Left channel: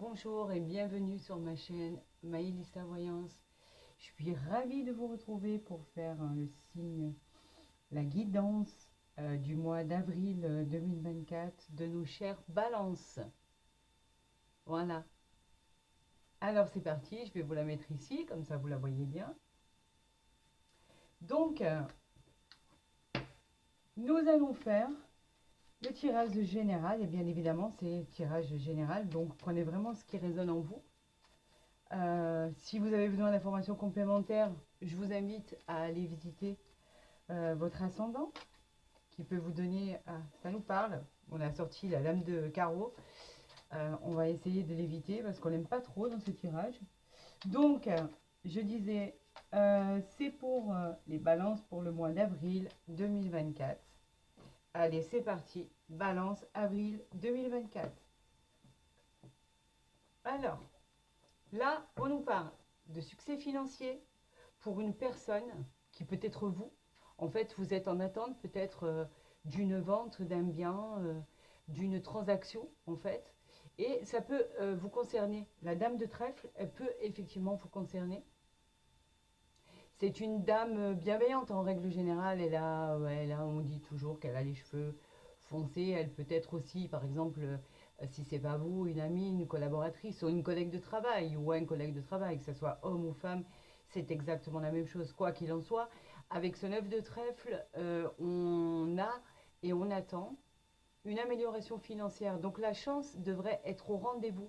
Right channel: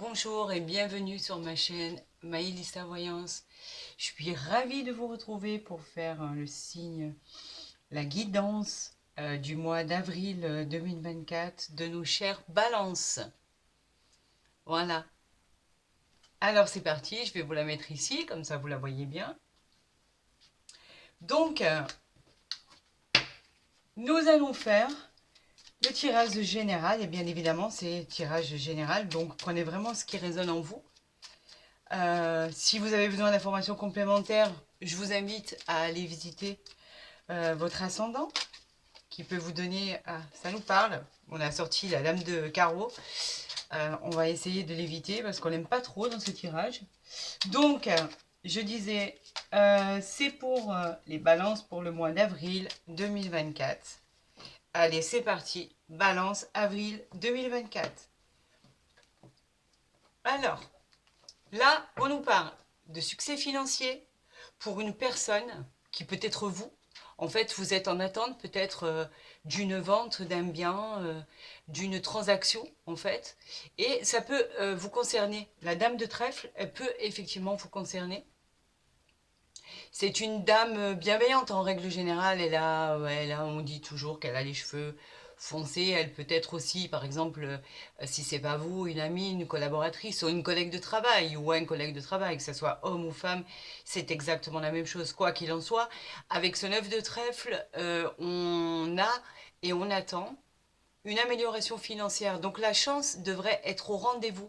Bonjour et bienvenue sur ma chaîne Maïlista Voyance. Je suis ravie de vous retrouver pour faire le signe, la guidance du mois d'avril 2024 de nos chères balances. Voilà. Alors c'est parti, je vais vous la mettre ici, comme ça vous la voyez bien. Donc, nous allons faire le tirage général, et bien évidemment c'est tirage général, donc prenez vraiment ce qui résonne en vous. Si vous avez besoin d'informations complémentaires, je vous invite à aller visiter votre ascendant qui peut vous donner... Ah, ça nous parle. On a sorti la dame de carreau. On va essayer de l'éviter parce qu'on n'aime pas trop dans ce tirage. Donc, je disais, c'est pour les balances pour le mois d'avril 2024. Allez, c'est parti. Balance avril 2024. Alors, là, on nous parle de succès financier pour une personne qui peut être vous. En fait, vous êtes en attente peut-être d'une vente d'un bien, d'une transaction, en fait. Et ça peut vous concerner. La dame de trèfle, elle peut effectivement vous concerner. C'est une dame bienveillante en règle générale. On dit toujours qu'elle a les cheveux foncés. Elle peut être aussi, par exemple, si c'est pas vous, une amie, une collaboratrice ou une collègue de travail ou un collègue de travail, que ce soit homme ou femme, c'est exactement la même chose. Quoi qu'il en soit, avec ce 9 de trèfle, on a et on attend une amélioration financière. Donc la chance devrait être au rendez-vous.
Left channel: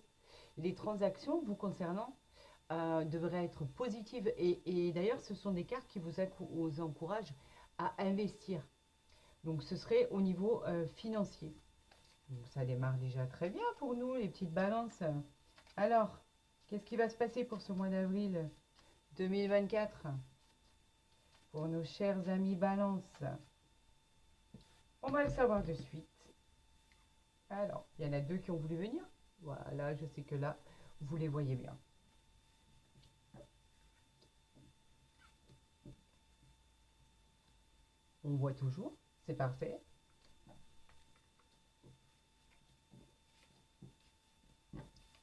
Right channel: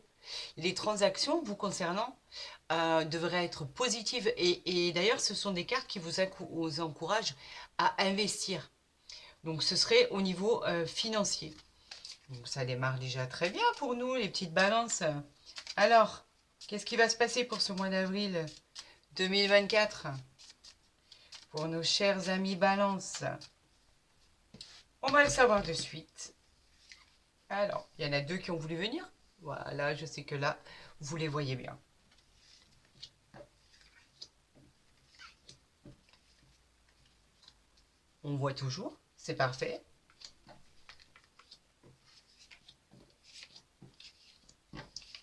Les transactions vous concernant devraient être positives. Et d'ailleurs, ce sont des cartes qui vous encouragent à investir. Donc ce serait au niveau financier. Donc ça démarre déjà très bien pour nous, les petites balances. Alors, qu'est-ce qui va se passer pour ce mois d'avril 2024 pour nos chers amis balance? On va le savoir de suite. Alors, il y en a deux qui ont voulu venir. Voilà, je sais que là, vous les voyez bien. On voit toujours, c'est parfait.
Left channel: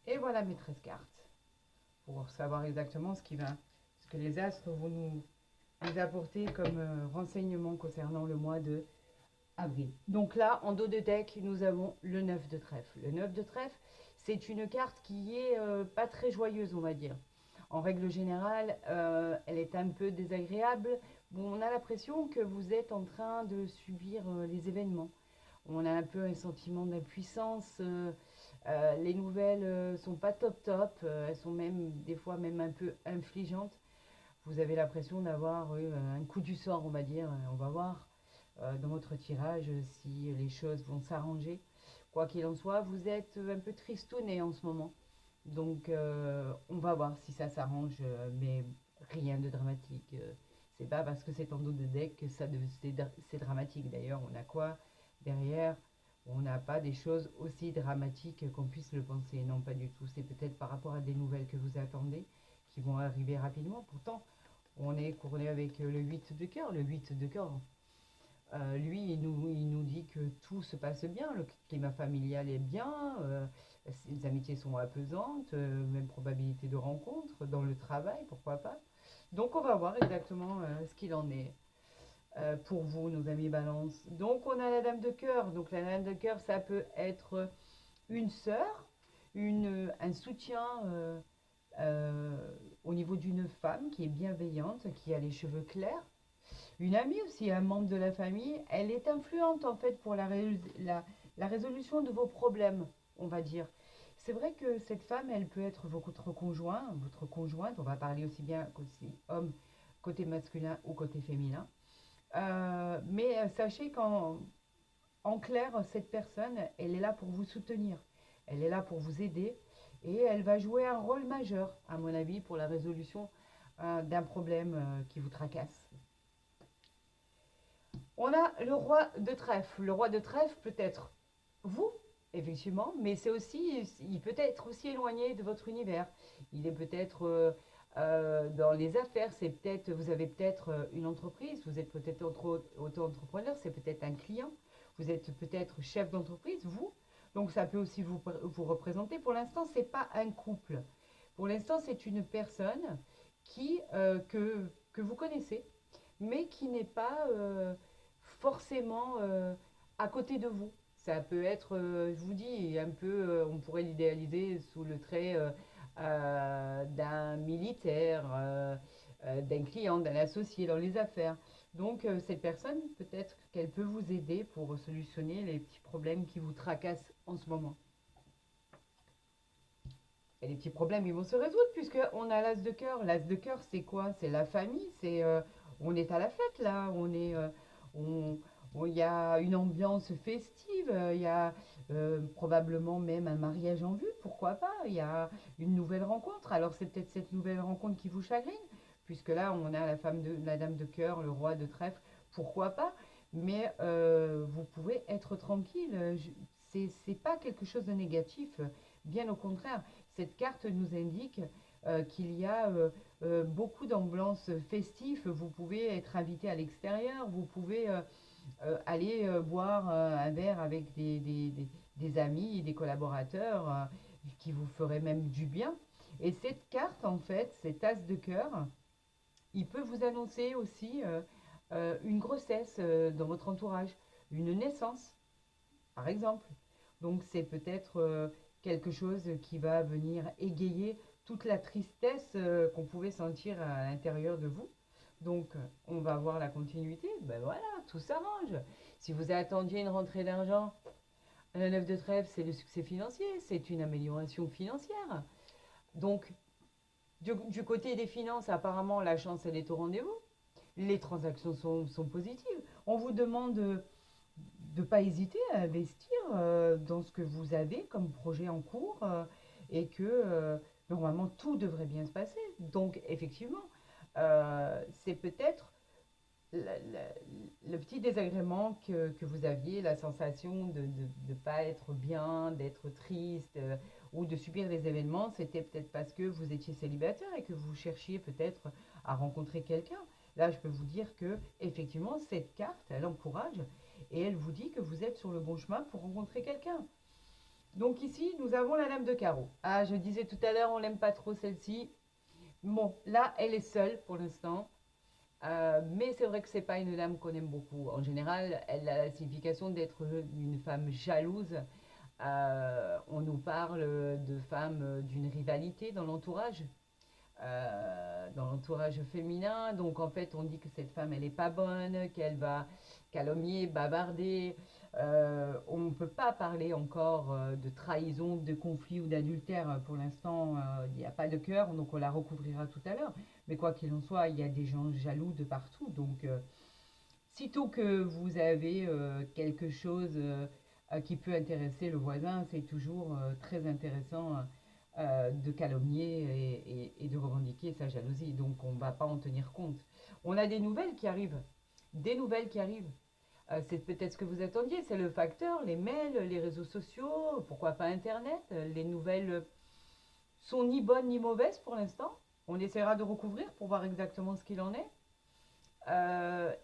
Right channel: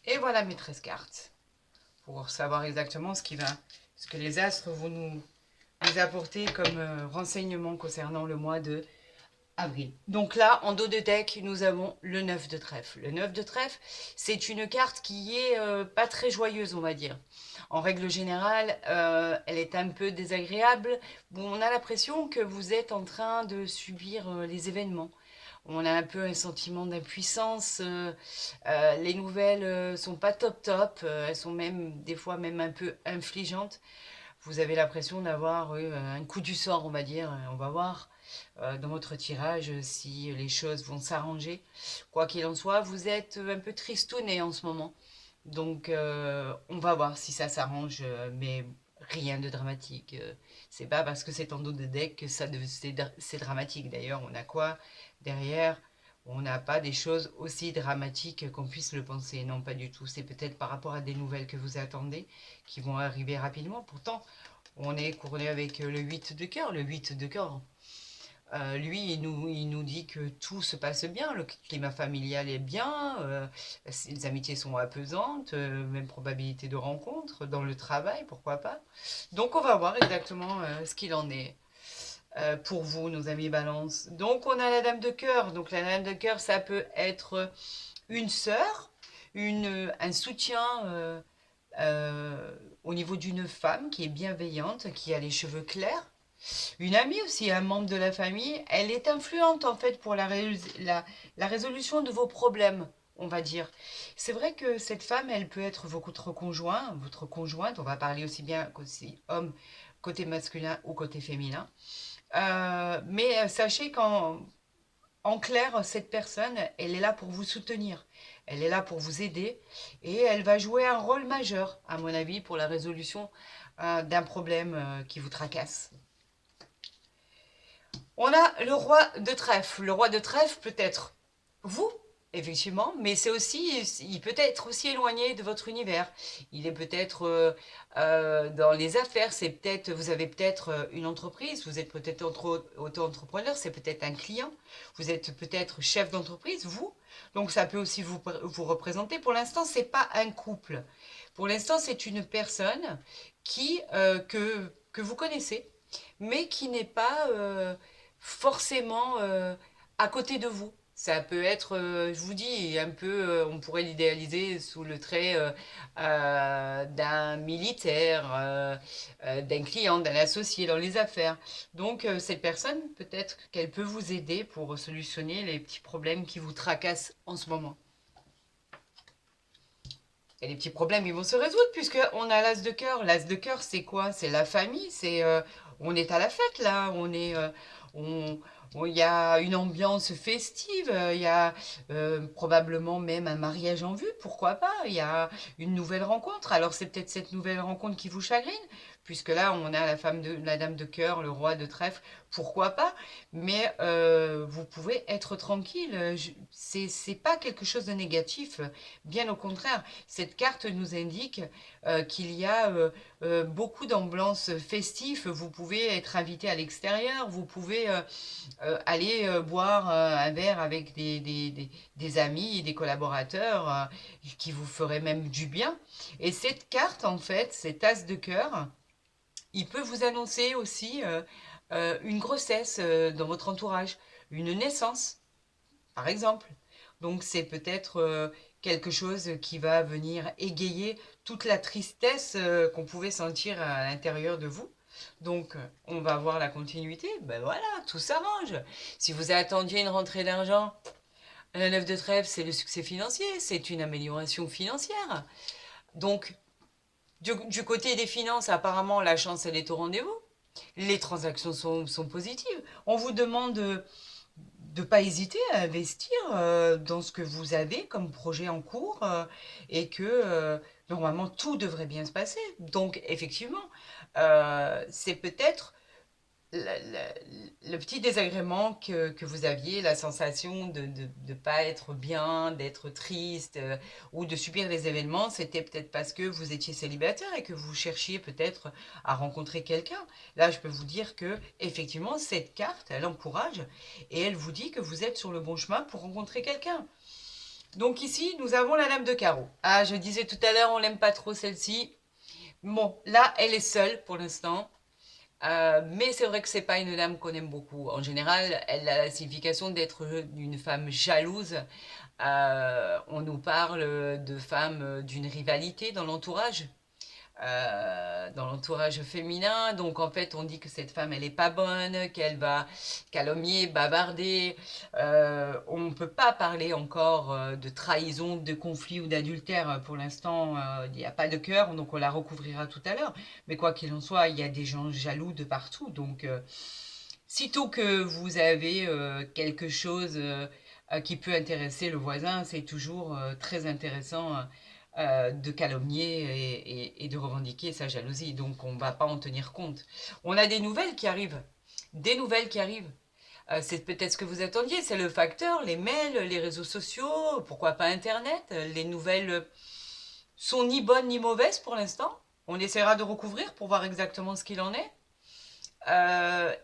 Et voilà mes 13 cartes. Pour savoir exactement ce que les astres vont nous apporter comme renseignement concernant le mois de avril. Donc là, en dos de deck, nous avons le 9 de trèfle. Le 9 de trèfle, c'est une carte qui est pas très joyeuse, on va dire. En règle générale, elle est un peu désagréable. Bon, on a l'impression que vous êtes en train de subir les événements. On a un peu un sentiment d'impuissance. Les nouvelles sont pas top top. Elles sont même des fois même un peu infligeantes. Vous avez l'impression d'avoir un coup du sort, on va dire. On va voir dans votre tirage si les choses vont s'arranger. Quoi qu'il en soit, vous êtes un peu tristouné en ce moment. Donc, on va voir si ça s'arrange, mais rien de dramatique. C'est pas parce que c'est en dos de deck que c'est dramatique. D'ailleurs, on a quoi derrière? On n'a pas des choses aussi dramatiques qu'on puisse le penser. Non, pas du tout. C'est peut-être par rapport à des nouvelles que vous attendez qui vont arriver rapidement. Pourtant, on est couronné avec le 8 de cœur. Le 8 de cœur, lui, il nous dit que tout se passe bien, le climat familial est bien, les amitiés sont apaisantes, même probabilité de rencontre, dans le travail, pourquoi pas. Donc on va voir exactement ce qu'il en est pour vous, nos amis Balance. Donc on a la Dame de cœur. Donc la Dame de cœur, ça peut être une sœur, un soutien au niveau d'une femme qui est bienveillante, qui a les cheveux clairs. Une amie aussi, un membre de la famille, elle est influente en fait pour la résolution de vos problèmes, on va dire. C'est vrai que cette femme, elle peut être votre conjoint, votre conjointe, on va parler aussi bien côté homme, côté masculin ou côté féminin. Mais sachez en clair, cette personne, elle est là pour vous soutenir. Elle est là pour vous aider et elle va jouer un rôle majeur, à mon avis, pour la résolution d'un problème qui vous tracasse. On a le roi de trèfle. Le roi de trèfle peut être vous, effectivement, mais c'est aussi, il peut être aussi éloigné de votre univers. Il est peut-être dans les affaires. C'est peut-être, vous avez peut-être une entreprise. Vous êtes peut-être auto-entrepreneur. C'est peut-être un client. Vous êtes peut-être chef d'entreprise, vous. Donc ça peut aussi vous représenter. Pour l'instant, c'est pas un couple. Pour l'instant, c'est une personne que vous connaissez, mais qui n'est pas forcément à côté de vous. Ça peut être, je vous dis, un peu, on pourrait l'idéaliser sous le trait d'un militaire, d'un client, d'un associé dans les affaires. Donc, cette personne, peut-être qu'elle peut vous aider pour solutionner les petits problèmes qui vous tracassent en ce moment. Et les petits problèmes, ils vont se résoudre puisqu'on a l'as de cœur. L'as de cœur, c'est quoi? C'est la famille, on est à la fête là, on, il y a une ambiance festive, il y a probablement même un mariage en vue, pourquoi pas? Il y a une nouvelle rencontre. Alors c'est peut-être cette nouvelle rencontre qui vous chagrine, puisque là on a la dame de cœur, le roi de trèfle, pourquoi pas? Mais vous pouvez être tranquille. C'est pas quelque chose de négatif, bien au contraire. Cette carte nous indique qu'il y a beaucoup d'ambiance festive. Vous pouvez être invité à l'extérieur, vous pouvez aller boire un verre avec des amis, des collaborateurs qui vous feraient même du bien. Et cette carte, en fait, cet as de cœur, il peut vous annoncer aussi une grossesse dans votre entourage, une naissance, par exemple. Donc c'est peut-être quelque chose qui va venir égayer toute la tristesse qu'on pouvait sentir à l'intérieur de vous. Donc on va voir la continuité. Ben voilà, tout s'arrange. Si vous attendiez une rentrée d'argent, la 9 de trèfle, c'est le succès financier, c'est une amélioration financière. Donc du côté des finances, apparemment, la chance, elle est au rendez-vous. Les transactions sont positives. On vous demande de ne pas hésiter à investir dans ce que vous avez comme projet en cours et que normalement tout devrait bien se passer. Donc effectivement, c'est peut-être le petit désagrément que vous aviez, la sensation de ne pas être bien, d'être triste ou de subir les événements, c'était peut-être parce que vous étiez célibataire et que vous cherchiez peut-être à rencontrer quelqu'un. Là, je peux vous dire que effectivement, cette carte, elle encourage et elle vous dit que vous êtes sur le bon chemin pour rencontrer quelqu'un. Donc ici, nous avons la dame de carreau. Ah, je disais tout à l'heure, on l'aime pas trop celle-ci. Bon, là, elle est seule pour l'instant. Mais c'est vrai que c'est pas une dame qu'on aime beaucoup. En général, elle a la signification d'être une femme jalouse. On nous parle de femmes d'une rivalité dans l'entourage féminin. Donc en fait, on dit que cette femme, elle est pas bonne, qu'elle va calomnier, bavarder. On ne peut pas parler encore de trahison, de conflit ou d'adultère. Pour l'instant, il n'y a pas de cœur, donc on la recouvrira tout à l'heure. Mais quoi qu'il en soit, il y a des gens jaloux de partout. Donc, sitôt que vous avez quelque chose qui peut intéresser le voisin, c'est toujours très intéressant de calomnier et de revendiquer sa jalousie. Donc on ne va pas en tenir compte. On a des nouvelles qui arrivent. Des nouvelles qui arrivent. C'est peut-être ce que vous attendiez, c'est le facteur, les mails, les réseaux sociaux, pourquoi pas Internet. Les nouvelles sont ni bonnes ni mauvaises pour l'instant. On essaiera de recouvrir pour voir exactement ce qu'il en est.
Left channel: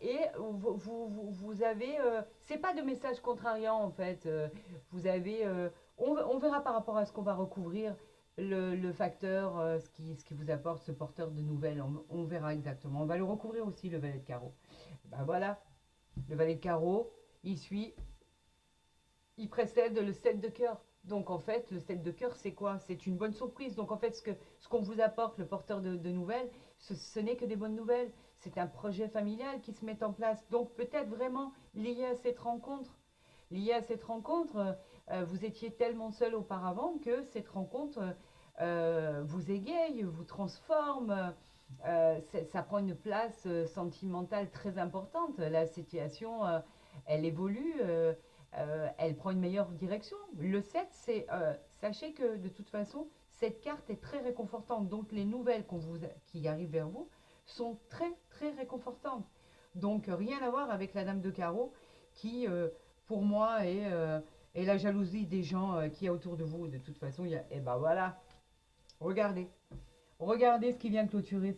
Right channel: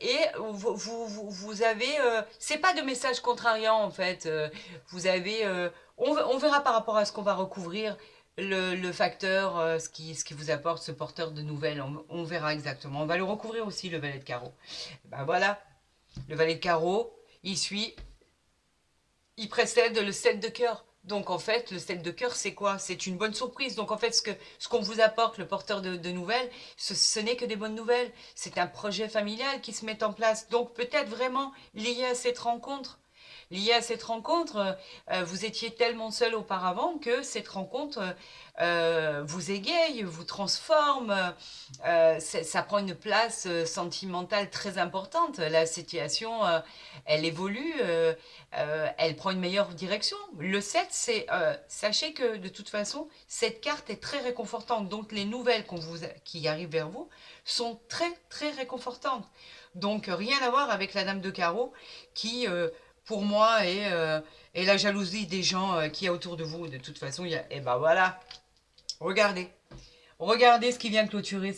Et vous avez, c'est pas de message contrariant en fait. Vous avez, on verra par rapport à ce qu'on va recouvrir le facteur, ce qui vous apporte ce porteur de nouvelles. On verra exactement. On va le recouvrir aussi le valet de carreau. Ben voilà, le valet de carreau, il suit, il précède le 7 de cœur. Donc en fait, le 7 de cœur, c'est quoi? C'est une bonne surprise. Donc en fait, ce qu'on vous apporte, le porteur de nouvelles, ce n'est que des bonnes nouvelles. C'est un projet familial qui se met en place. Donc peut-être vraiment lié à cette rencontre. Lié à cette rencontre, vous étiez tellement seul auparavant que cette rencontre vous égaye, vous transforme. Ça prend une place sentimentale très importante. La situation, elle évolue. Elle prend une meilleure direction. Le 7, c'est, sachez que de toute façon, cette carte est très réconfortante. Donc les nouvelles qui arrivent vers vous sont très très réconfortantes. Donc rien à voir avec la dame de carreau qui, pour moi, est la jalousie des gens qui y a autour de vous. De toute façon, et ben voilà, regardez. Regardez ce qui vient de clôturer.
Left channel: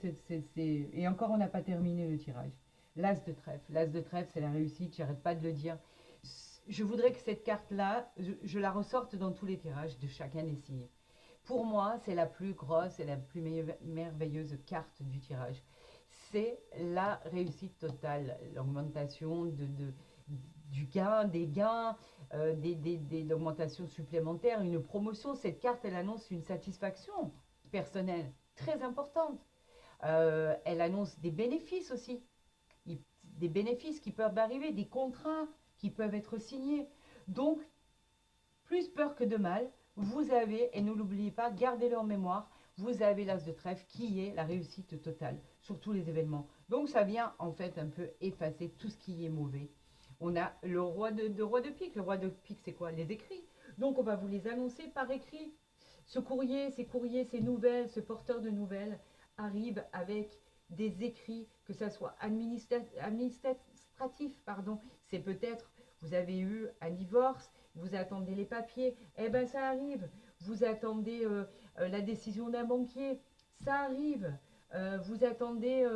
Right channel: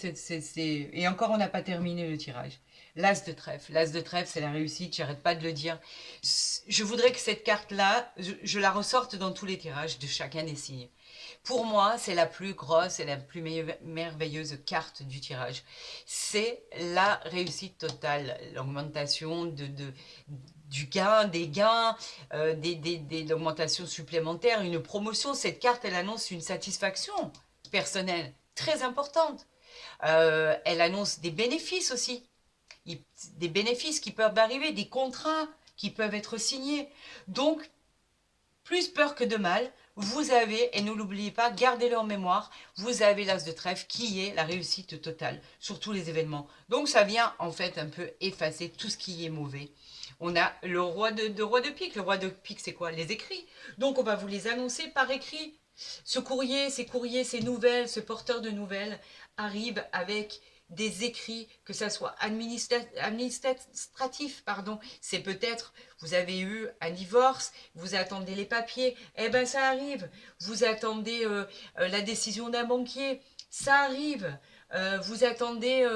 Et encore, on n'a pas terminé le tirage. l'as de trèfle. L'as de trèfle, c'est la réussite, j'arrête pas de le dire. Je voudrais que cette carte-là, je la ressorte dans tous les tirages de chacun des signes. Pour moi, c'est la plus grosse et la plus merveilleuse carte du tirage. C'est la réussite totale, l'augmentation du gain, des gains, l'augmentation supplémentaire, une promotion. Cette carte, elle annonce une satisfaction personnelle très importante. Elle annonce des bénéfices aussi, des bénéfices qui peuvent arriver, des contrats qui peuvent être signés. Donc, plus peur que de mal, vous avez, et ne l'oubliez pas, gardez-le en mémoire, vous avez l'as de trèfle qui est la réussite totale sur tous les événements. Donc ça vient en fait un peu effacer tout ce qui est mauvais. On a le roi de pique. Le roi de pique, c'est quoi? Les écrits. Donc on va vous les annoncer par écrit. Ce courrier, ces nouvelles, ce porteur de nouvelles arrive avec des écrits, que ça soit administratif, pardon. C'est peut-être, vous avez eu un divorce, vous attendez les papiers, eh ben ça arrive. Vous attendez la décision d'un banquier, ça arrive. Vous attendez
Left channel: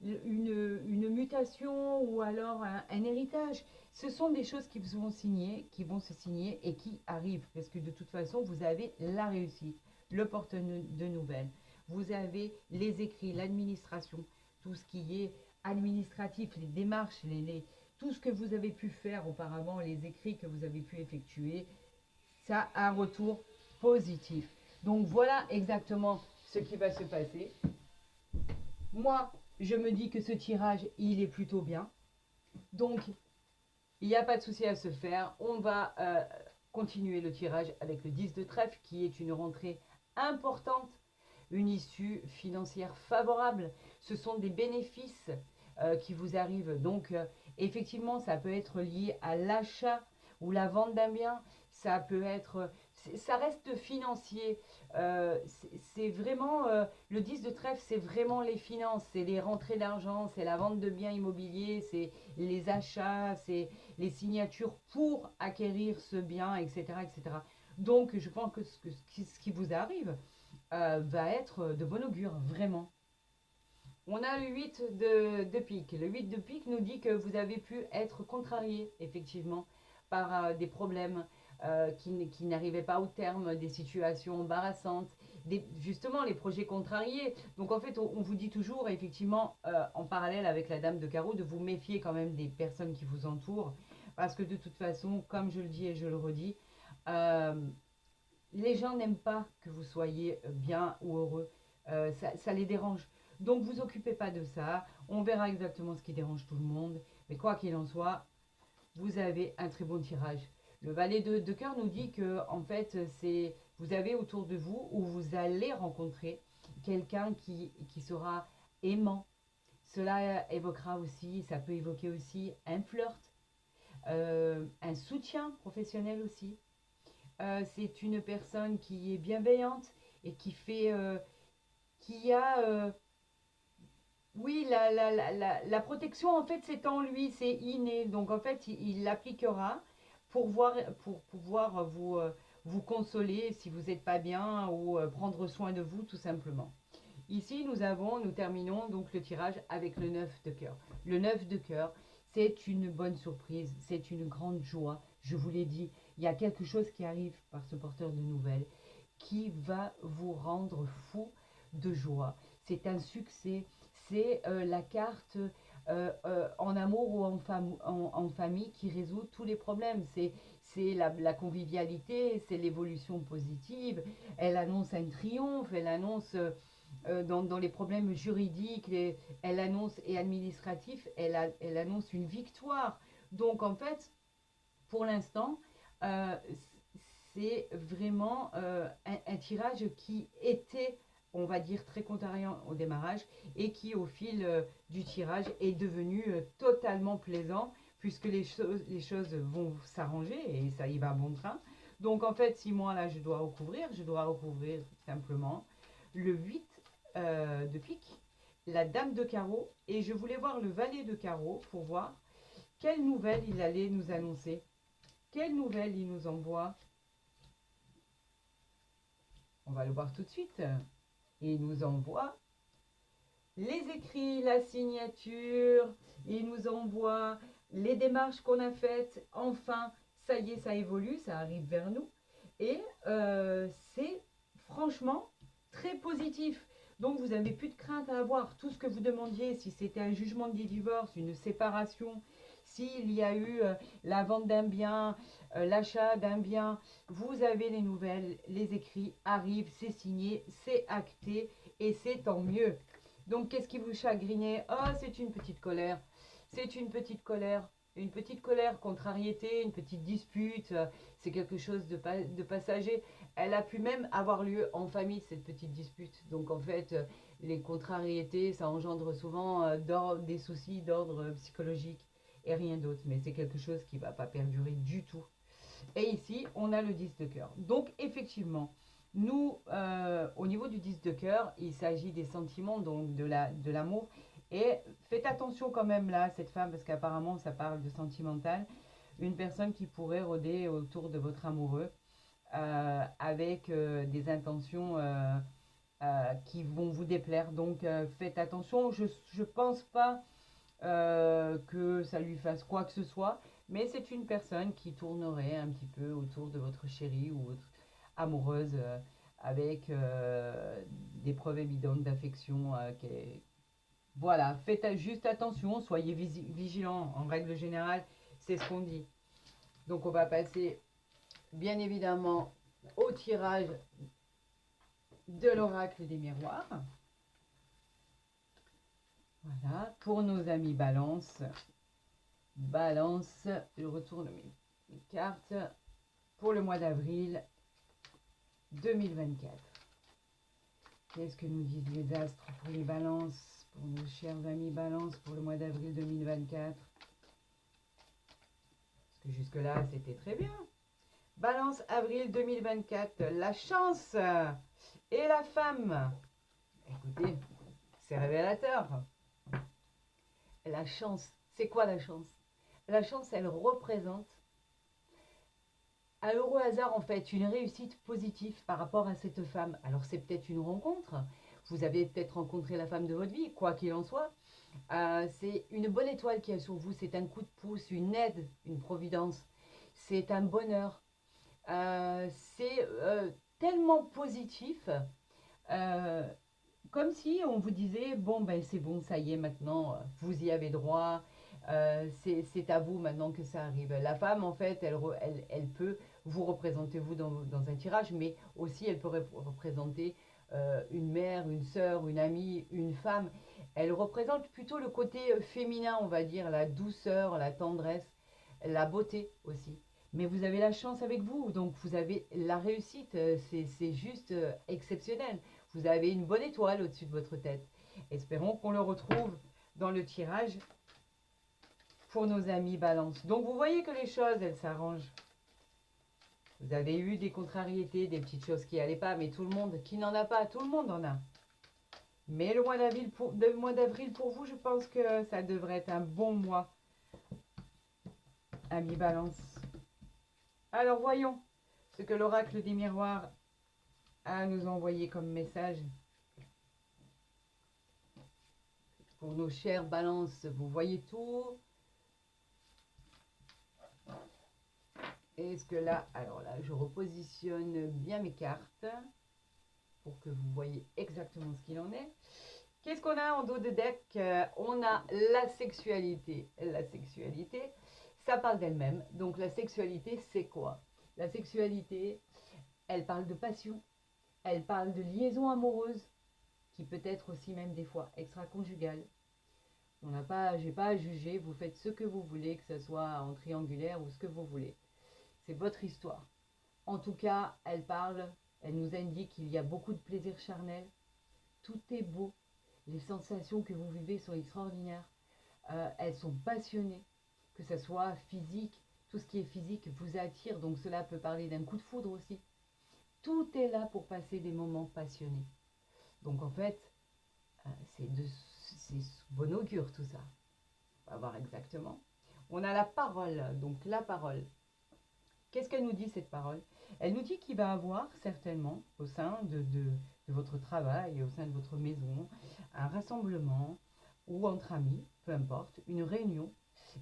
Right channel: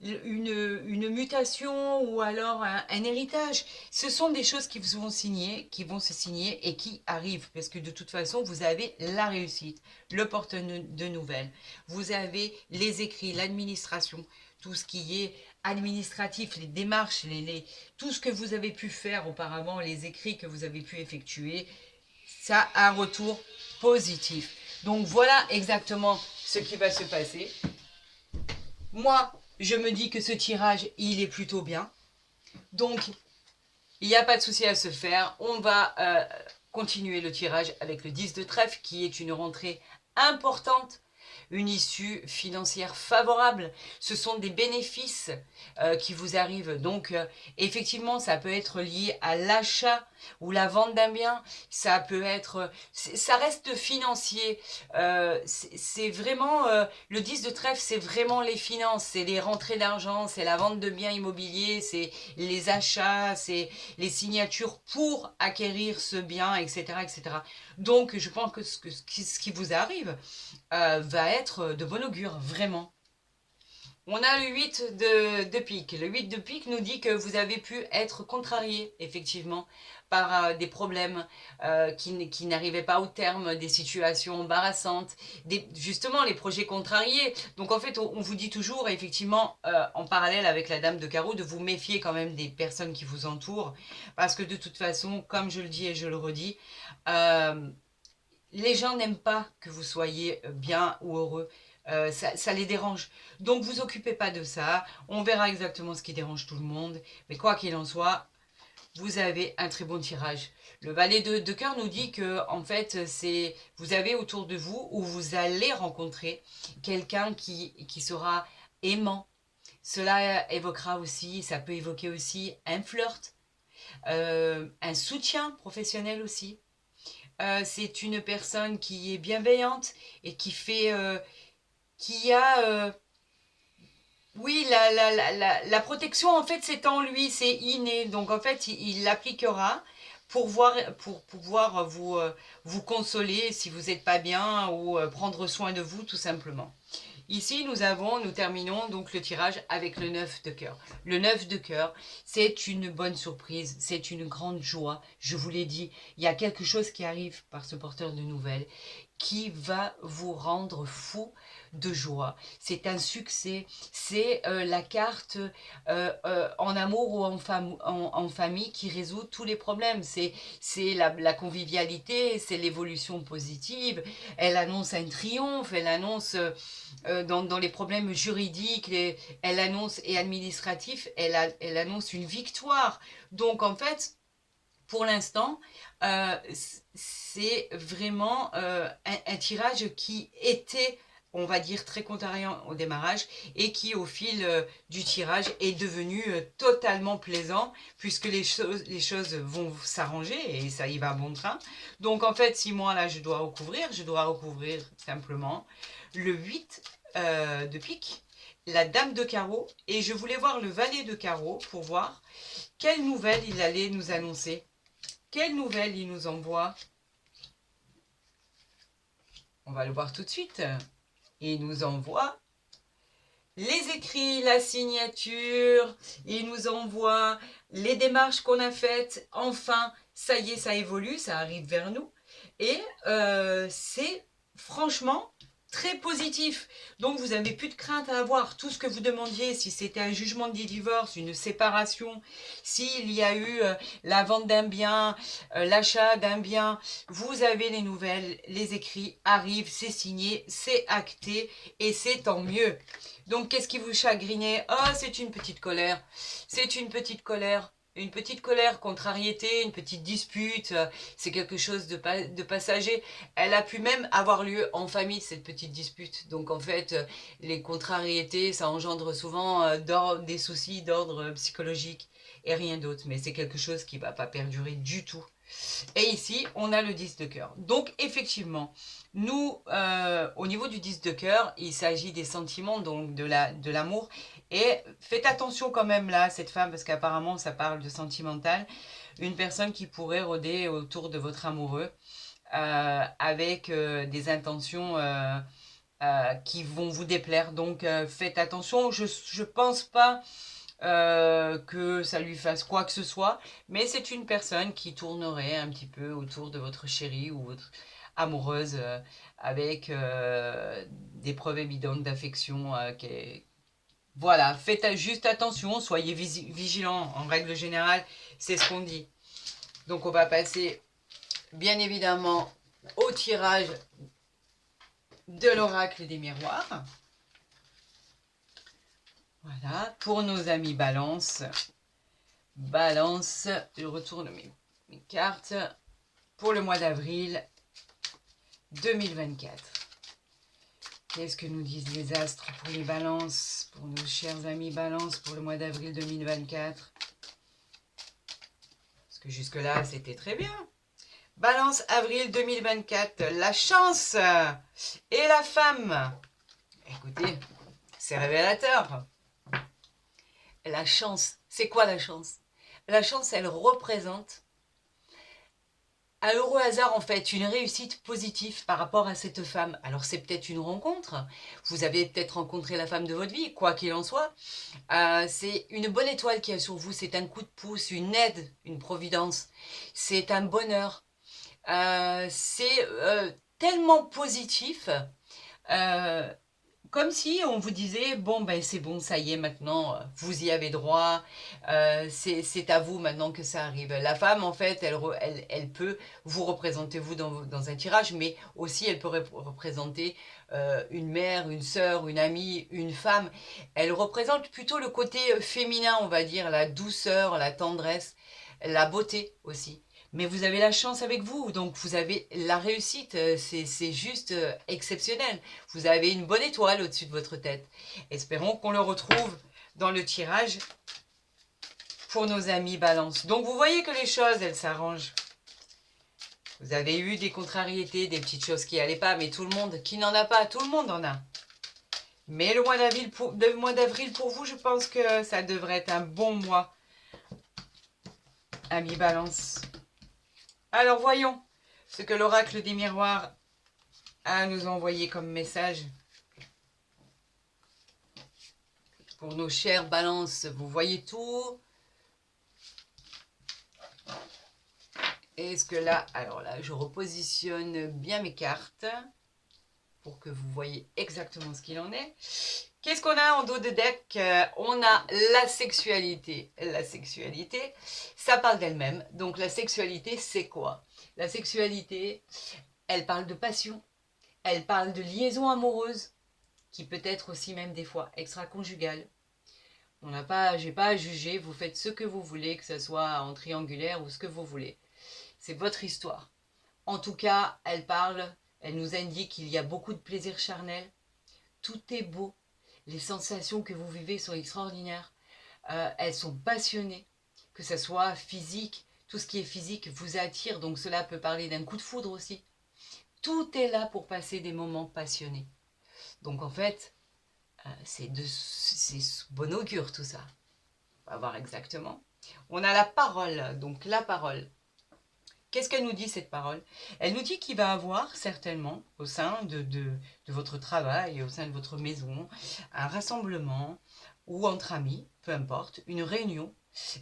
une mutation ou alors un héritage. Ce sont des choses qui vont se signer et qui arrivent parce que de toute façon, vous avez la réussite, le porteur de nouvelles, vous avez les écrits, l'administration, tout ce qui est administratif, les démarches, tout ce que vous avez pu faire auparavant, les écrits que vous avez pu effectuer, ça a un retour positif. Donc voilà exactement ce qui va se passer. Moi, je me dis que ce tirage, il est plutôt bien. Donc, il n'y a pas de souci à se faire. On va continuer le tirage avec le 10 de trèfle, qui est une rentrée importante, une issue financière favorable. Ce sont des bénéfices qui vous arrivent. Donc, effectivement, ça peut être lié à l'achat ou la vente d'un bien. Ça peut être... ça reste financier. C'est vraiment... le 10 de trèfle, c'est vraiment les finances. C'est les rentrées d'argent, c'est la vente de biens immobiliers, c'est les achats, c'est les signatures pour acquérir ce bien, etc. etc. Donc, je pense que ce qui vous arrive va être de bon augure, vraiment. On a le 8 de pique. Le 8 de pique nous dit que vous avez pu être contrarié, effectivement, par des problèmes qui n'arrivaient pas au terme, des situations embarrassantes, justement les projets contrariés. Donc en fait, on vous dit toujours, effectivement, en parallèle avec la dame de carreau, de vous méfier quand même des personnes qui vous entourent, parce que de toute façon, comme je le dis et je le redis, les gens n'aiment pas que vous soyez bien ou heureux. Ça les dérange. Donc vous occupez pas de ça. On verra exactement ce qui dérange tout le monde. Mais quoi qu'il en soit, vous avez un très bon tirage. Le valet de cœur nous dit que en fait, vous avez autour de vous ou vous allez rencontrer quelqu'un qui sera aimant. Cela évoquera aussi, ça peut évoquer aussi un flirt, un soutien professionnel aussi. C'est une personne qui est bienveillante et qui a oui, la protection, en fait, c'est en lui, c'est inné. Donc, en fait, il l'appliquera pour pouvoir vous consoler si vous n'êtes pas bien ou prendre soin de vous, tout simplement. Ici, nous terminons donc le tirage avec le 9 de cœur. Le 9 de cœur, c'est une bonne surprise, c'est une grande joie. Je vous l'ai dit, il y a quelque chose qui arrive par ce porteur de nouvelles qui va vous rendre fou de joie. C'est un succès, c'est la carte en amour ou en famille qui résout tous les problèmes. C'est la convivialité, c'est l'évolution positive. Elle annonce un triomphe, elle annonce dans les problèmes juridiques, elle annonce et administratifs, elle annonce une victoire. Donc en fait, pour l'instant, c'est vraiment un tirage qui était, on va dire, très contrariant au démarrage et qui, au fil du tirage, est devenu totalement plaisant puisque les choses vont s'arranger et ça y va à bon train. Donc, en fait, si moi, là, je dois recouvrir simplement le 8 de pique, la dame de carreau et je voulais voir le valet de carreau pour voir quelle nouvelle il allait nous annoncer. Quelle nouvelle il nous envoie? On va le voir tout de suite. Il nous envoie les écrits, la signature, il nous envoie les démarches qu'on a faites. Enfin, ça y est, ça évolue, ça arrive vers nous. Et c'est franchement très positif. Donc, vous n'avez plus de crainte à avoir. Tout ce que vous demandiez, si c'était un jugement de divorce, une séparation, s'il y a eu la vente d'un bien, l'achat d'un bien, vous avez les nouvelles, les écrits arrivent, c'est signé, c'est acté et c'est tant mieux. Donc, qu'est-ce qui vous chagrinait? Ah, c'est une petite colère. C'est une petite colère. Une petite colère, contrariété, une petite dispute, c'est quelque chose de passager. Elle a pu même avoir lieu en famille, cette petite dispute. Donc en fait, les contrariétés, ça engendre souvent des soucis d'ordre psychologique et rien d'autre. Mais c'est quelque chose qui ne va pas perdurer du tout. Et ici, on a le 10 de cœur. Donc effectivement, nous, au niveau du 10 de cœur, il s'agit des sentiments, donc de l'amour. Et faites attention quand même là, cette femme, parce qu'apparemment ça parle de sentimental. Une personne qui pourrait rôder autour de votre amoureux avec des intentions qui vont vous déplaire. Donc faites attention, je ne pense pas que ça lui fasse quoi que ce soit, mais c'est une personne qui tournerait un petit peu autour de votre chérie ou votre amoureuse avec des preuves évidentes d'affection. Voilà, faites juste attention, soyez vigilants. En règle générale, c'est ce qu'on dit. Donc on va passer bien évidemment au tirage de l'oracle des miroirs. Voilà, pour nos amis Balance. Balance, je retourne mes cartes pour le mois d'avril 2024. Qu'est-ce que nous disent les astres pour les balances, pour nos chers amis Balance pour le mois d'avril 2024? Parce que jusque-là, c'était très bien. Balance avril 2024, la chance et la femme. Écoutez, c'est révélateur. La chance, c'est quoi la chance? La chance, elle représente à heureux hasard, en fait, une réussite positive par rapport à cette femme. Alors, c'est peut-être une rencontre. Vous avez peut-être rencontré la femme de votre vie, quoi qu'il en soit. C'est une bonne étoile qui est sur vous. C'est un coup de pouce, une aide, une providence. C'est un bonheur. C'est tellement positif. Euh, Comme si on vous disait, bon, ben c'est bon, ça y est, maintenant, vous y avez droit, c'est à vous maintenant que ça arrive. La femme, en fait, elle peut vous représenter, vous, dans un tirage, mais aussi elle peut représenter une mère, une sœur, une amie, une femme. Elle représente plutôt le côté féminin, on va dire, la douceur, la tendresse, la beauté aussi. Mais vous avez la chance avec vous, donc vous avez la réussite, c'est juste exceptionnel. Vous avez une bonne étoile au-dessus de votre tête. Espérons qu'on le retrouve dans le tirage pour nos amis Balance. Donc vous voyez que les choses, elles s'arrangent. Vous avez eu des contrariétés, des petites choses qui n'allaient pas, mais tout le monde, qui n'en a pas, tout le monde en a. Mais le mois d'avril pour vous, je pense que ça devrait être un bon mois, amis Balance. Alors voyons ce que l'oracle des miroirs a à nous envoyer comme message. Pour nos chères balances, vous voyez tout. Est-ce que là, alors là, je repositionne bien mes cartes pour que vous voyez exactement ce qu'il en est. Qu'est-ce qu'on a en dos de deck? On a la sexualité. La sexualité, ça parle d'elle-même. Donc la sexualité, c'est quoi? La sexualité, elle parle de passion. Elle parle de liaison amoureuse, qui peut être aussi même des fois extra-conjugale. J'ai pas à juger, vous faites ce que vous voulez, que ce soit en triangulaire ou ce que vous voulez. C'est votre histoire. En tout cas, elle nous indique qu'il y a beaucoup de plaisir charnel. Tout est beau. Les sensations que vous vivez sont extraordinaires. Elles sont passionnées, que ce soit physique. Tout ce qui est physique vous attire, donc cela peut parler d'un coup de foudre aussi. Tout est là pour passer des moments passionnés. Donc en fait, c'est bon augure tout ça. On va voir exactement. On a la parole, donc la parole. Qu'est-ce qu'elle nous dit, cette parole? Elle nous dit qu'il va avoir certainement, au sein de votre travail, au sein de votre maison, un rassemblement ou entre amis, peu importe, une réunion,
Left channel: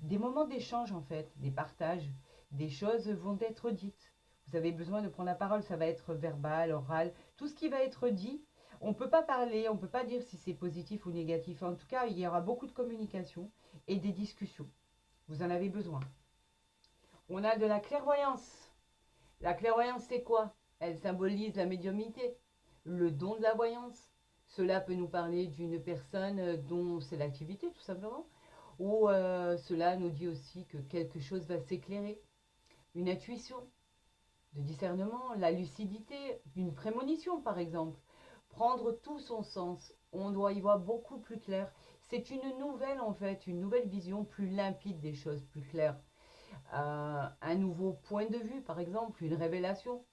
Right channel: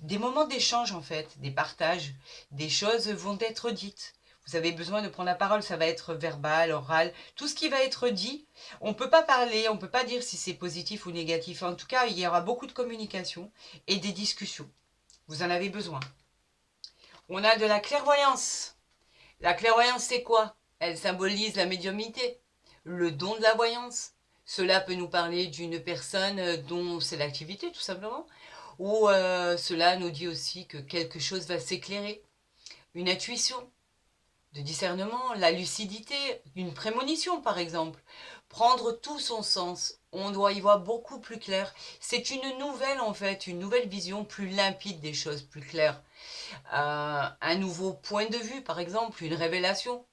des moments d'échange en fait, des partages, des choses vont être dites. Vous avez besoin de prendre la parole, ça va être verbal, oral, tout ce qui va être dit. On ne peut pas parler, on ne peut pas dire si c'est positif ou négatif. En tout cas, il y aura beaucoup de communication et des discussions. Vous en avez besoin. On a de la clairvoyance. La clairvoyance, c'est quoi? Elle symbolise la médiumnité, le don de la voyance. Cela peut nous parler d'une personne dont c'est l'activité, tout simplement. Ou cela nous dit aussi que quelque chose va s'éclairer. Une intuition, de discernement, la lucidité, une prémonition, par exemple. Prendre tout son sens. On doit y voir beaucoup plus clair. C'est une nouvelle, en fait, une nouvelle vision plus limpide des choses, plus claire. Un nouveau point de vue, par exemple, une révélation.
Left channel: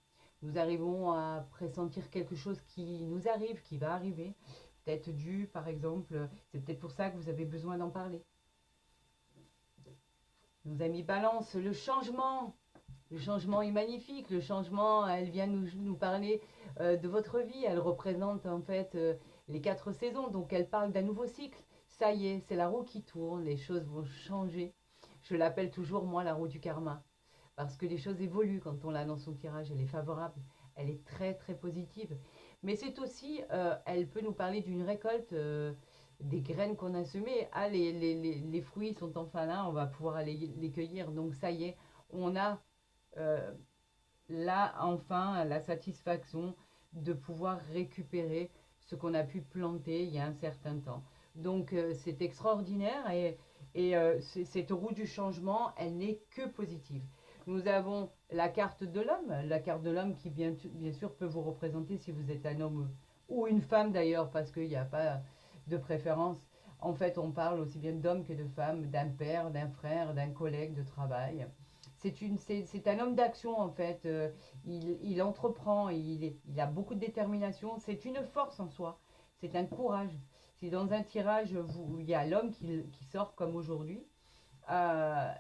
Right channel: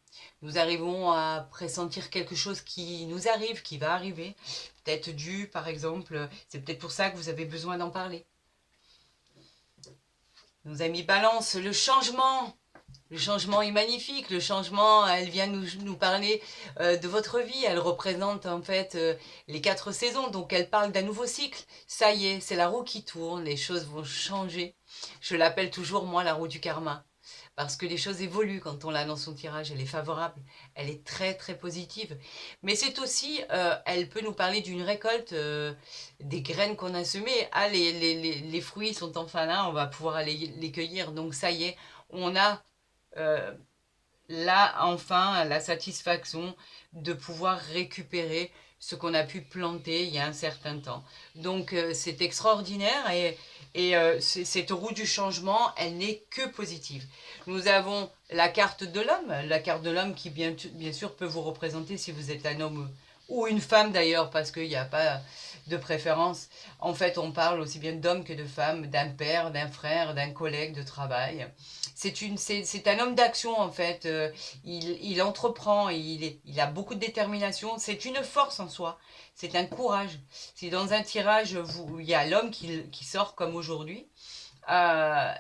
Nous arrivons à pressentir quelque chose qui nous arrive, qui va arriver. Peut-être dû, par exemple, c'est peut-être pour ça que vous avez besoin d'en parler. Nos amis Balance, le changement. Le changement est magnifique, le changement, elle vient nous parler de votre vie, elle représente en fait les 4 saisons, donc elle parle d'un nouveau cycle. Ça y est, c'est la roue qui tourne, les choses vont changer. Je l'appelle toujours, moi, la roue du karma, parce que les choses évoluent quand on l'a dans son tirage, elle est favorable, elle est très très positive. Mais c'est aussi, elle peut nous parler d'une récolte, des graines qu'on a semées. Ah, les fruits sont enfin là, on va pouvoir aller les cueillir, donc ça y est, on a euh, là, enfin, la satisfaction de pouvoir récupérer ce qu'on a pu planter il y a un certain temps. Donc, c'est extraordinaire et cette roue du changement, elle n'est que positive. Nous avons la carte de l'homme, qui bien sûr peut vous représenter si vous êtes un homme ou une femme d'ailleurs, parce qu'il n'y a pas de préférence. En fait, on parle aussi bien d'hommes que de femmes, d'un père, d'un frère, d'un collègue de travail. C'est un homme d'action en fait. Il entreprend, il a beaucoup de détermination. C'est une force en soi. C'est un courage. Si dans un tirage, il y a l'homme qui sort comme aujourd'hui, euh,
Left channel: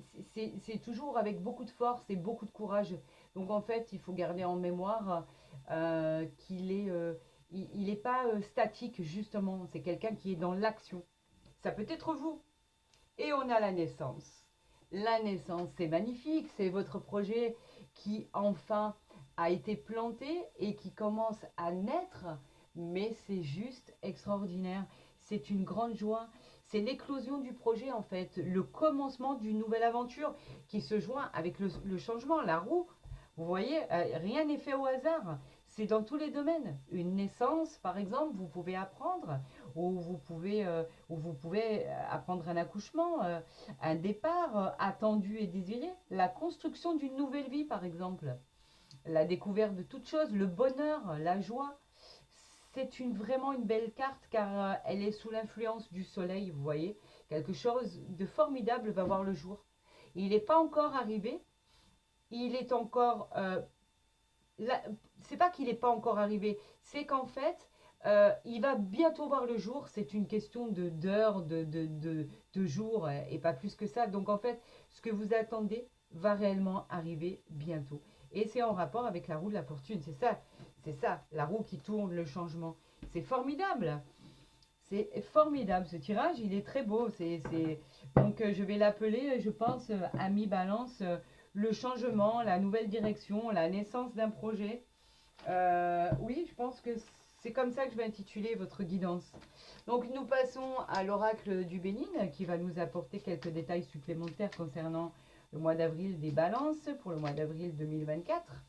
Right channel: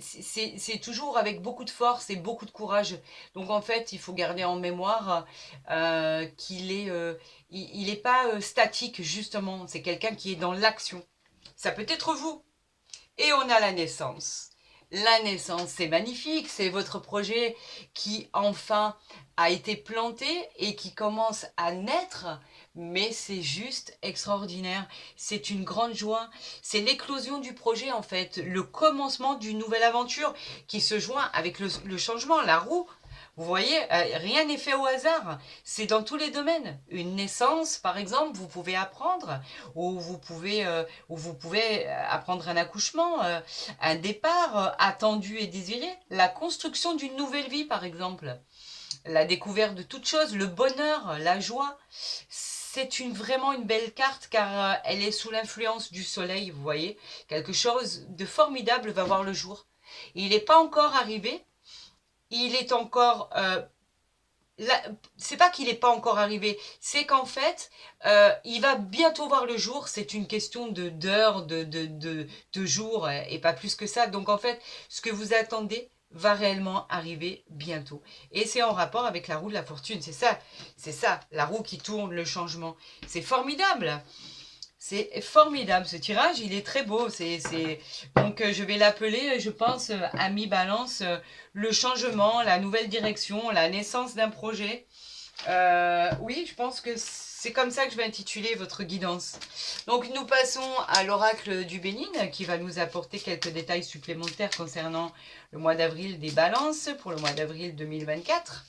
c'est toujours avec beaucoup de force et beaucoup de courage. Donc en fait, il faut garder en mémoire qu'il est, il est pas statique justement. C'est quelqu'un qui est dans l'action. Ça peut être vous. Et on a la naissance. La naissance, c'est magnifique, c'est votre projet qui enfin a été planté et qui commence à naître, mais c'est juste extraordinaire. C'est une grande joie, c'est l'éclosion du projet en fait, le commencement d'une nouvelle aventure qui se joint avec le changement, la roue. Vous voyez, rien n'est fait au hasard. C'est dans tous les domaines. Une naissance, par exemple, vous pouvez apprendre, ou vous pouvez apprendre un accouchement, un départ attendu et désiré, la construction d'une nouvelle vie, par exemple, la découverte de toutes choses, le bonheur, la joie. C'est vraiment une belle carte car elle est sous l'influence du soleil, vous voyez. Quelque chose de formidable va voir le jour. Il n'est pas encore arrivé, il est encore c'est pas qu'il n'est pas encore arrivé, c'est qu'en fait, il va bientôt voir le jour. C'est une question d'heures, de jours, et pas plus que ça. Donc en fait, ce que vous attendez va réellement arriver bientôt. Et c'est en rapport avec la roue de la fortune. C'est ça, la roue qui tourne, le changement. C'est formidable. C'est formidable ce tirage, il est très beau. Donc je vais l'appeler, je pense, Ami Balance, le changement, la nouvelle direction, la naissance d'un projet. Oui, je pense que c'est comme ça que je vais intituler votre guidance. Donc nous passons à l'oracle du Bénin qui va nous apporter quelques détails supplémentaires concernant le mois d'avril des balances pour le mois d'avril 2024.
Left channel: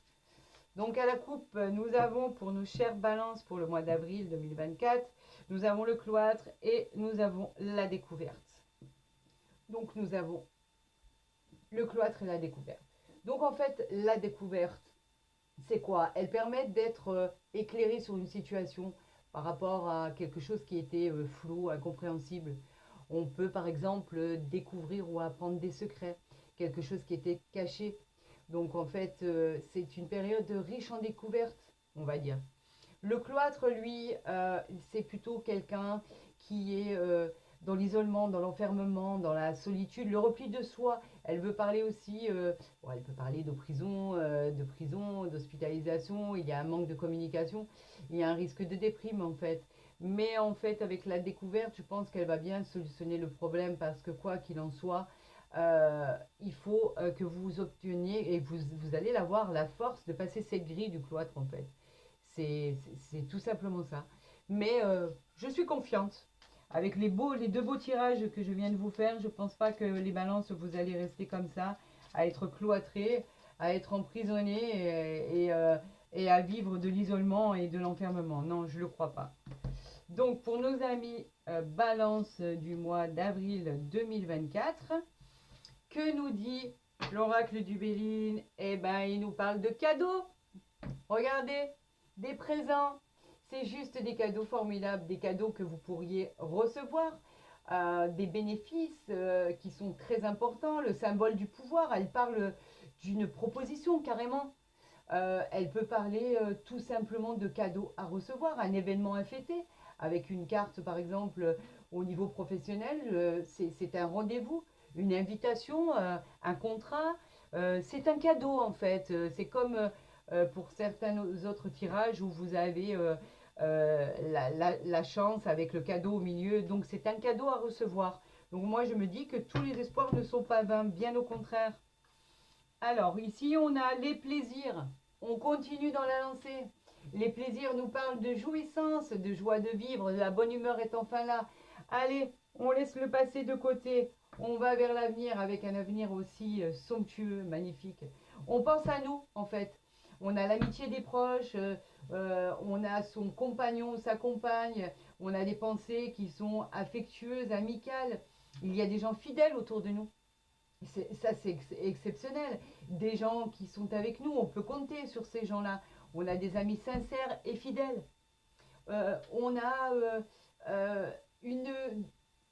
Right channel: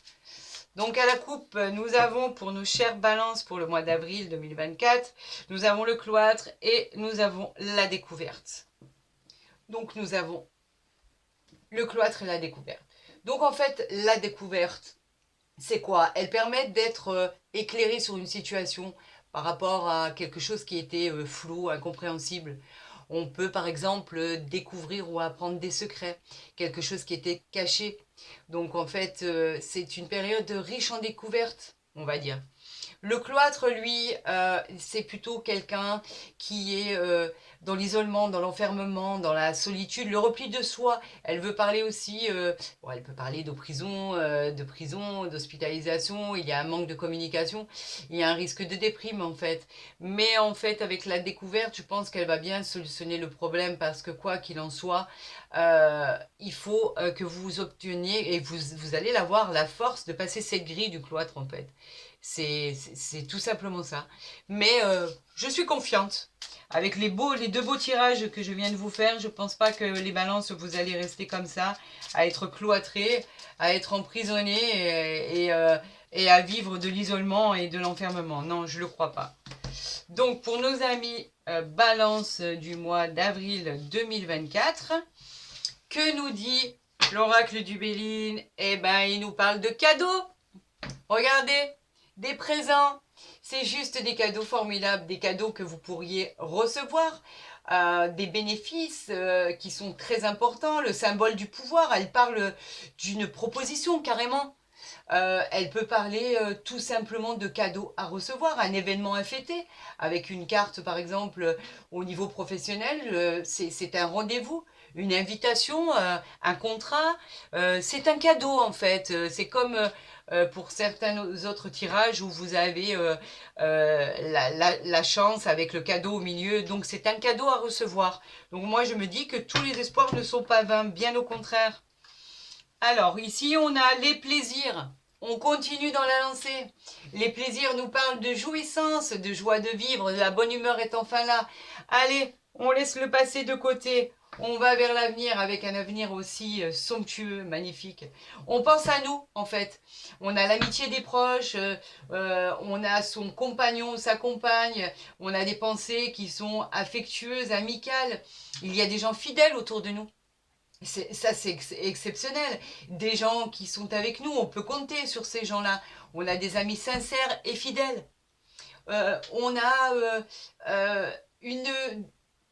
Donc à la coupe, nous avons pour nos chères balances pour le mois d'avril 2024, nous avons le cloître et nous avons la découverte. Donc nous avons le cloître et la découverte. Donc en fait, la découverte, c'est quoi? Elle permet d'être éclairé sur une situation par rapport à quelque chose qui était flou, incompréhensible. On peut par exemple découvrir ou apprendre des secrets, quelque chose qui était caché. Donc en fait, c'est une période riche en découvertes, on va dire. Le cloître, lui, c'est plutôt quelqu'un qui est dans l'isolement, dans l'enfermement, dans la solitude, le repli de soi. Elle veut parler aussi, bon, elle peut parler de prison, d'hospitalisation, il y a un manque de communication, il y a un risque de déprime en fait. Mais en fait, avec la découverte, je pense qu'elle va bien solutionner le problème parce que quoi qu'il en soit, il faut que vous obteniez, et vous allez l'avoir, la force de passer cette grille du cloître en fait. C'est tout simplement ça. Mais je suis confiante. Avec les deux beaux tirages que je viens de vous faire, je ne pense pas que les balances, vous allez rester comme ça, à être cloîtrés, à être emprisonnés et à vivre de l'isolement et de l'enfermement. Non, je ne le crois pas. Donc, pour nos amis balance du mois d'avril 2024, que nous dit l'oracle du Béline? Eh ben, il nous parle de cadeaux. Regardez, des présents. C'est juste des cadeaux formidables, des cadeaux que vous pourriez recevoir, des bénéfices qui sont très importants. Le symbole du pouvoir, elle parle d'une proposition carrément. Elle peut parler tout simplement de cadeaux à recevoir, un événement à fêter, avec une carte par exemple au niveau professionnel, c'est un rendez-vous, une invitation, un contrat, c'est un cadeau en fait. C'est comme pour certains autres tirages où vous avez la chance avec le cadeau au milieu, donc c'est un cadeau à recevoir. Donc moi je me dis que tous les espoirs ne sont pas vains, bien au contraire. Alors, ici, on a les plaisirs. On continue dans la lancée. Les plaisirs nous parlent de jouissance, de joie de vivre, la bonne humeur est enfin là. Allez, on laisse le passé de côté. On va vers l'avenir avec un avenir aussi somptueux, magnifique. On pense à nous, en fait. On a l'amitié des proches, on a son compagnon, sa compagne, on a des pensées qui sont affectueuses, amicales. Il y a des gens fidèles autour de nous. Ça, c'est exceptionnel. Des gens qui sont avec nous, on peut compter sur ces gens-là. On a des amis sincères et fidèles. On a une...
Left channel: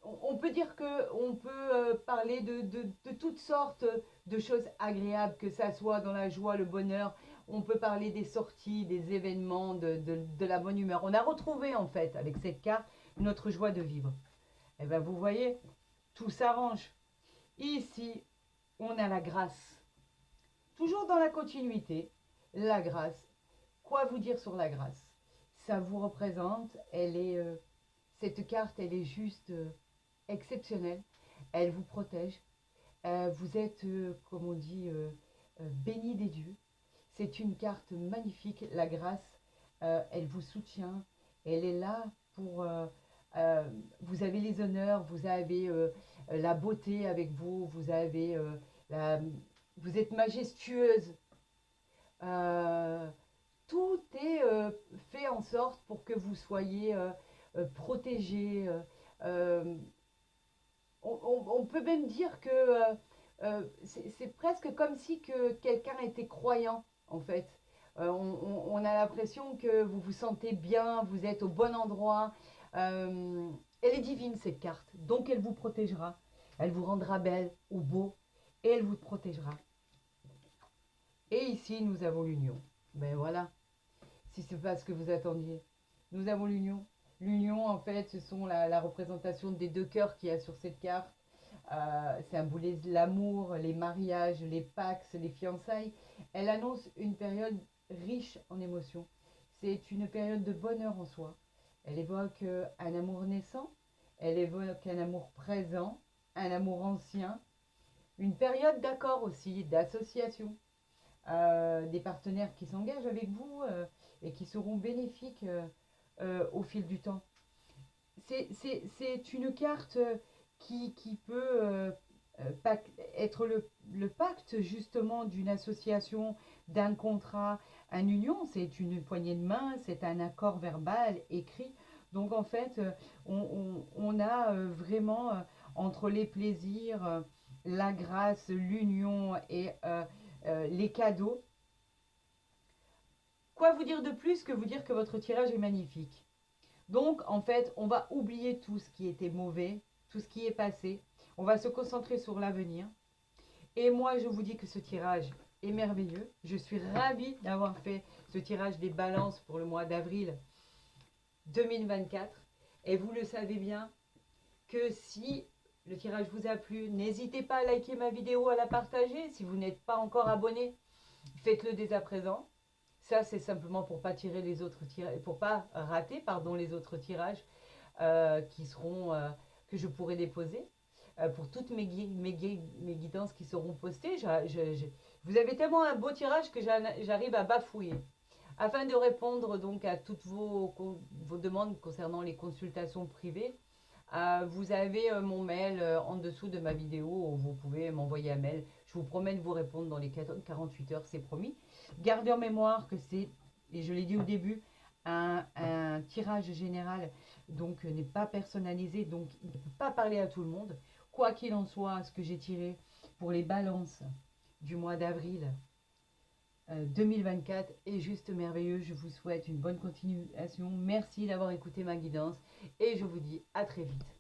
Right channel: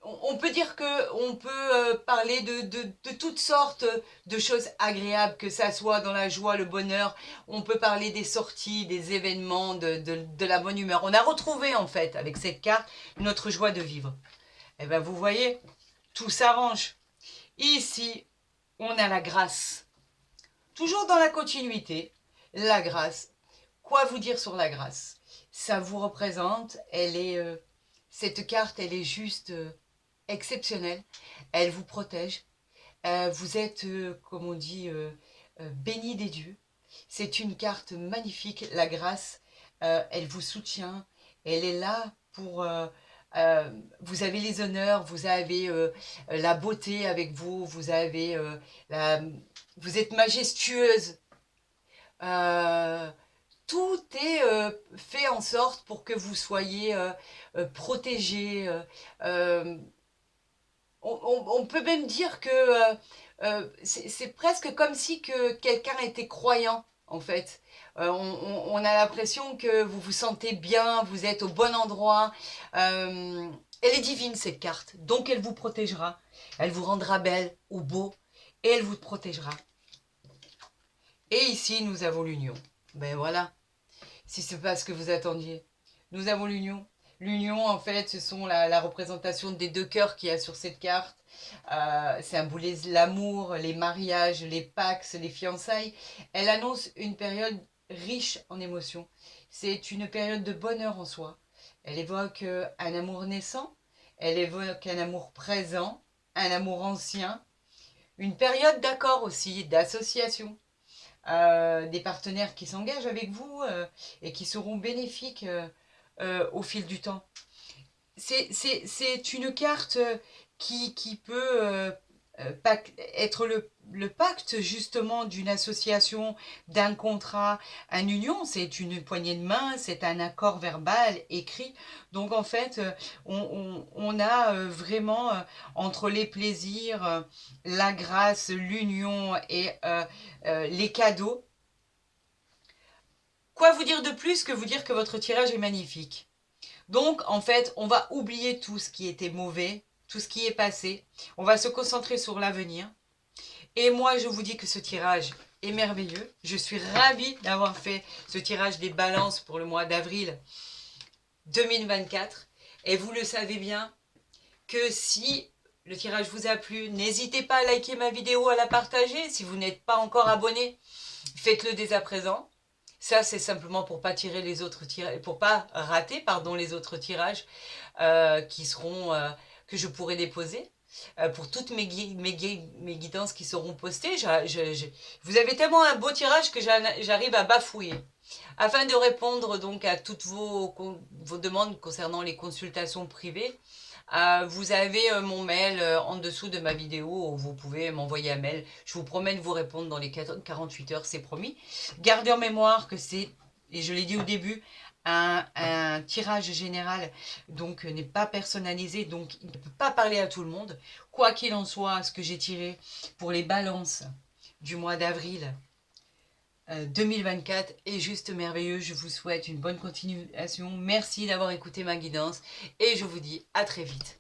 On peut dire qu'on peut parler de toutes sortes de choses agréables, que ça soit dans la joie, le bonheur. On peut parler des sorties, des événements, de la bonne humeur. On a retrouvé, en fait, avec cette carte, notre joie de vivre. Et bien, vous voyez, tout s'arrange. Ici, on a la grâce. Toujours dans la continuité, la grâce. Quoi vous dire sur la grâce? Ça vous représente, cette carte, elle est juste exceptionnelle. Elle vous protège. Vous êtes, comme on dit, béni des dieux. C'est une carte magnifique, la grâce. Elle vous soutient. Elle est là pour... vous avez les honneurs, vous avez la beauté avec vous, vous êtes majestueuse. Euh, Tout est fait en sorte pour que vous soyez protégés. Euh, on peut même dire que c'est presque comme si que quelqu'un était croyant, en fait. On a l'impression que vous vous sentez bien, vous êtes au bon endroit. Elle est divine, cette carte, donc elle vous protégera. Elle vous rendra belle ou beau, et elle vous protégera. Et ici, nous avons l'union. Ben voilà, si c'est pas ce que vous attendiez. Nous avons l'union. L'union, en fait, ce sont la représentation des deux cœurs qu'il y a sur cette carte. Symbolise l'amour, les mariages, les pax, les fiançailles. Elle annonce une période riche en émotions. C'est une période de bonheur en soi. Elle évoque un amour naissant, elle évoque un amour présent, un amour ancien, une période d'accord aussi, d'association. Des partenaires qui s'engagent avec vous et qui seront bénéfiques au fil du temps. C'est une carte qui peut être le pacte justement d'une association, d'un contrat, une union. C'est une poignée de main, c'est un accord verbal écrit. Donc en fait, on a vraiment entre les plaisirs, la grâce, l'union et les cadeaux. Quoi vous dire de plus que vous dire que votre tirage est magnifique? Donc, en fait, on va oublier tout ce qui était mauvais, tout ce qui est passé. On va se concentrer sur l'avenir. Et moi, je vous dis que ce tirage est merveilleux. Je suis ravie d'avoir fait ce tirage des balances pour le mois d'avril 2024. Et vous le savez bien, que si le tirage vous a plu, n'hésitez pas à liker ma vidéo, à la partager. Si vous n'êtes pas encore abonné, faites-le dès à présent. Ça, c'est simplement pour pas tirer les autres tirages, pour pas rater, pardon, les autres tirages qui seront que je pourrai déposer. Pour toutes mes guidances qui seront postées, vous avez tellement un beau tirage que j'arrive à bafouiller. Afin de répondre donc à toutes vos demandes concernant les consultations privées, vous avez mon mail en dessous de ma vidéo où vous pouvez m'envoyer un mail. Je vous promets de vous répondre dans les 48 heures, c'est promis. Gardez en mémoire que c'est, et je l'ai dit au début, un tirage général, donc n'est pas personnalisé, donc il ne peut pas parler à tout le monde. Quoi qu'il en soit, ce que j'ai tiré pour les balances du mois d'avril 2024 est juste merveilleux. Je vous souhaite une bonne continuation. Merci d'avoir écouté ma guidance et je vous dis à très vite.